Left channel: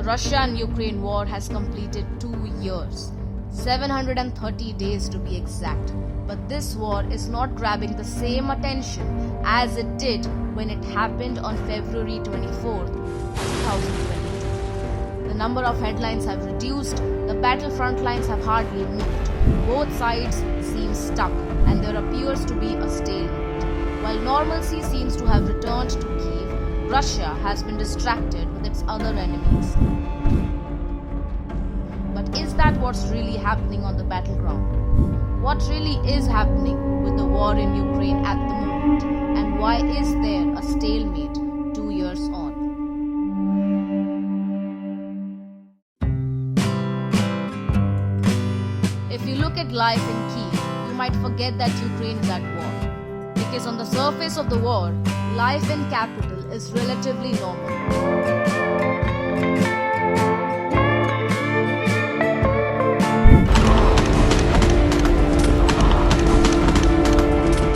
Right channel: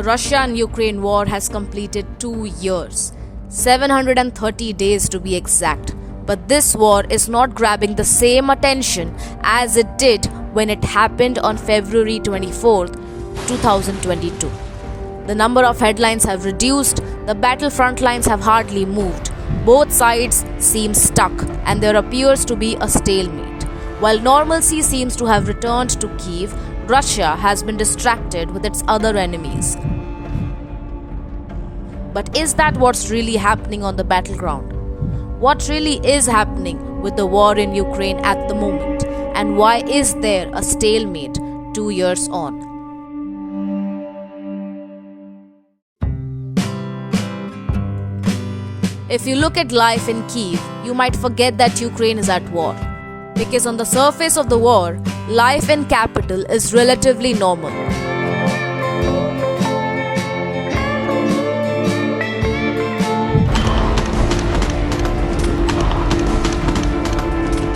The Russia and Ukraine war has completed 2 years, 730 days to be exact. But this war is not grabbing the same attention as it did when it happened on February 24th, 2022. The number of headlines have reduced, the battlefront lines have hardly moved. Both sides seem stuck and there appears to be a stalemate. While normalcy seems to have returned to Kyiv, Russia has been distracted with its other enemies. But is that what's really happening on the battleground? What really is happening with the war in Ukraine at the moment? And why is there a stalemate 2 years on? If you look at life in Kyiv, you might forget that Ukraine is at war. Because on the surface of the war, life in capital is relatively normal.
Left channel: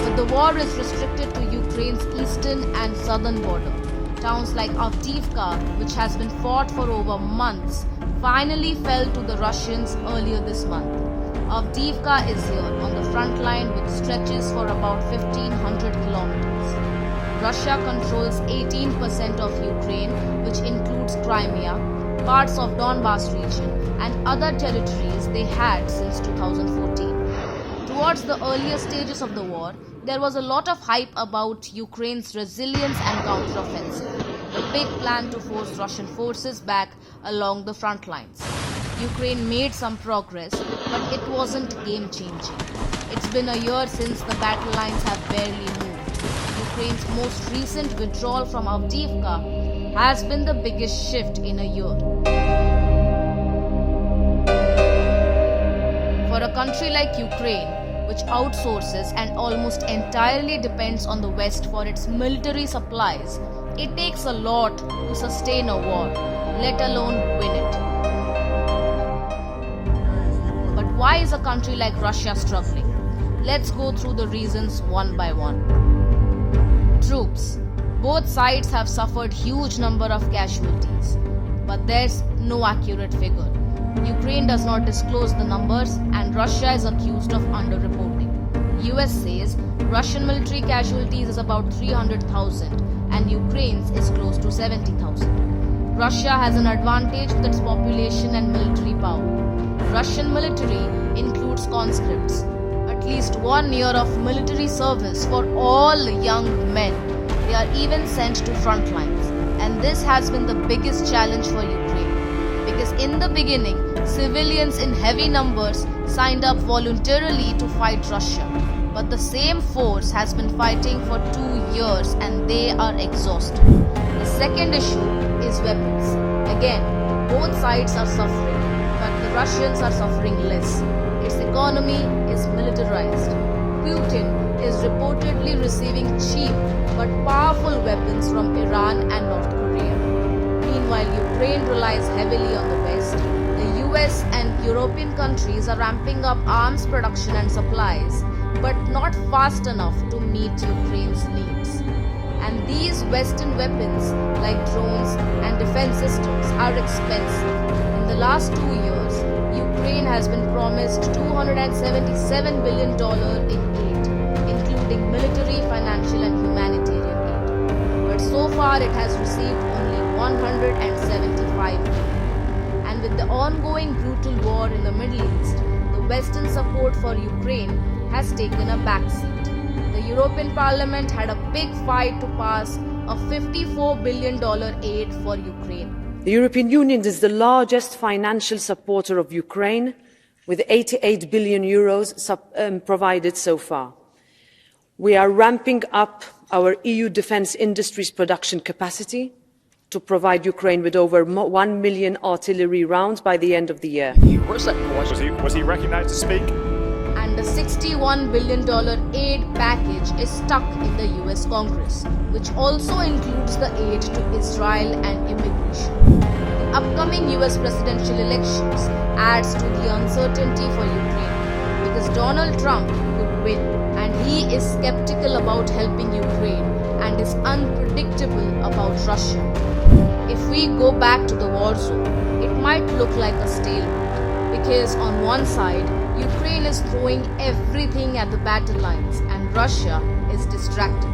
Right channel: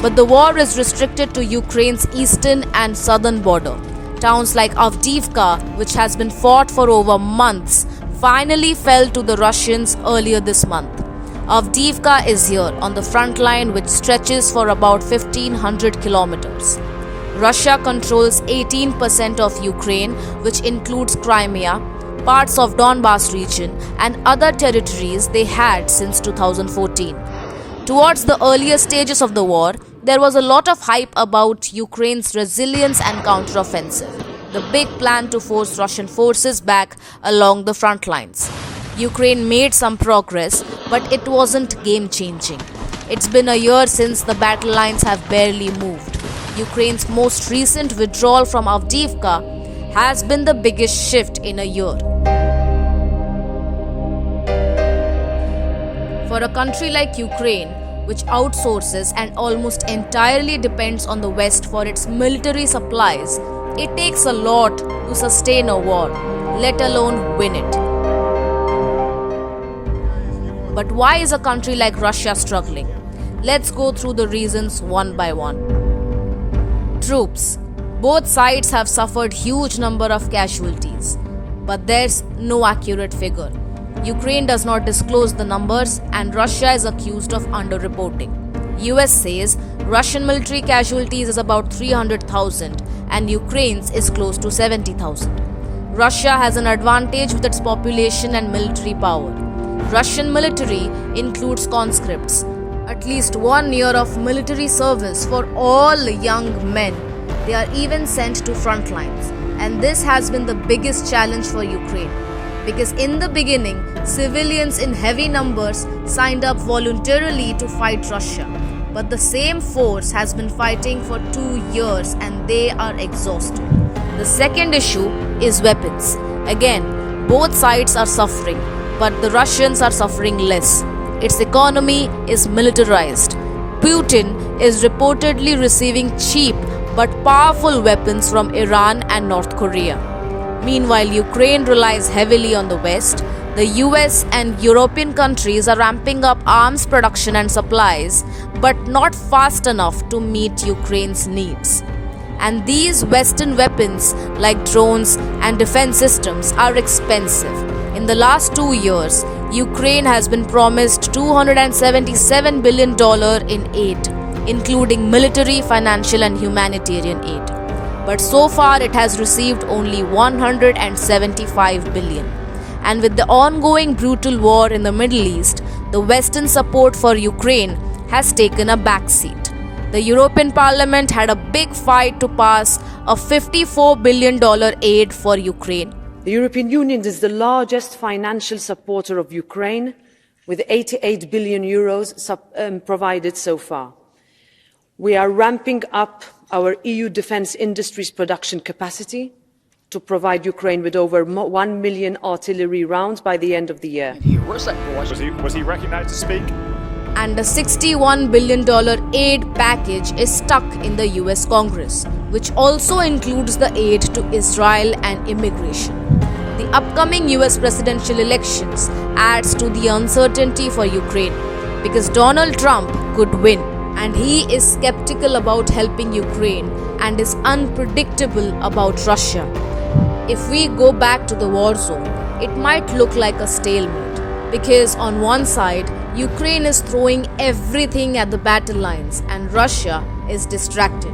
But the war is restricted to Ukraine's eastern and southern border. Towns like Avdiivka, which has been fought for over months, finally fell to the Russians earlier this month. Avdiivka is here on the front line, which stretches for about 1,500 kilometers. Russia controls 18% of Ukraine, which includes Crimea, parts of Donbas region, and other territories they had since 2014. Towards the earlier stages of the war, there was a lot of hype about Ukraine's resilience and counteroffensive, the big plan to force Russian forces back along the front lines. Ukraine made some progress, but it wasn't game-changing. It's been a year since the battle lines have barely moved. Ukraine's most recent withdrawal from Avdiivka has been the biggest shift in a year. For a country like Ukraine, which outsources and almost entirely depends on the West for its military supplies, it takes a lot to sustain a war, let alone win it. But why is a country like Russia struggling? Let's go through the reasons one by one. Troops. Both sides have suffered huge number of casualties, but there's no accurate figure. Ukraine does not disclose the numbers and Russia is accused of underreporting. US says Russian military casualties is about 300,000 and Ukraine's is close to 70,000. Russia has an advantage with its population and military power. Russian military includes conscripts, at least 1 year of military service for all young men. They are even sent to front lines, and this has been the biggest challenge for Ukraine. Because in the beginning, civilians in heavy numbers signed up voluntarily to fight Russia. But the same force has been fighting for 2 years and they are exhausted. The second issue is weapons. Again, both sides are suffering, but the Russians are suffering less. Its economy is militarized. Putin is reportedly receiving cheap but powerful weapons from Iran and North Korea. Meanwhile, Ukraine relies heavily on the West. The US and European countries are ramping up arms production and supplies, but not fast enough to meet Ukraine's needs. And these Western weapons, like drones and defense systems, are expensive. In the last 2 years, Ukraine has been promised $277 billion in aid, including military, financial, and humanitarian aid. But so far it has received only $175 billion. And with the ongoing brutal war in the Middle East, the Western support for Ukraine has taken a backseat. The European Parliament had a big fight to pass a $54 billion aid for Ukraine. The European Union is the largest financial supporter of Ukraine, with 88 billion euros provided so far. We are ramping up our EU defence industry's production capacity to provide Ukraine with over 1 million artillery rounds by the end of the year. Was he recognized to speak? And a $61 billion aid package is stuck in the US Congress, which also includes the aid to Israel and immigration. The upcoming US presidential elections adds to the uncertainty for Ukraine because Donald Trump could win, and he is skeptical about helping Ukraine and is unpredictable about Russia. If we go back to the war zone, it might look like a stalemate because on one side, Ukraine is throwing everything at the battle lines and Russia is distracted.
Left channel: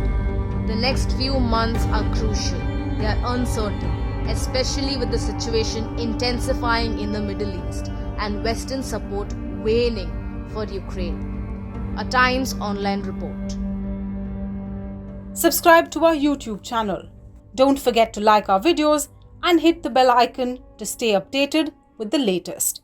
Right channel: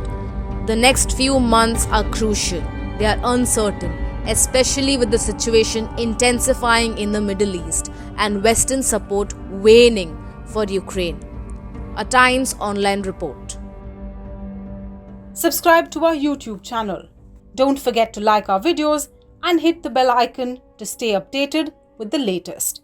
The next few months are crucial. They are uncertain, especially with the situation intensifying in the Middle East and Western support waning for Ukraine. A Times online report. Subscribe to our YouTube channel. Don't forget to like our videos and hit the bell icon to stay updated with the latest.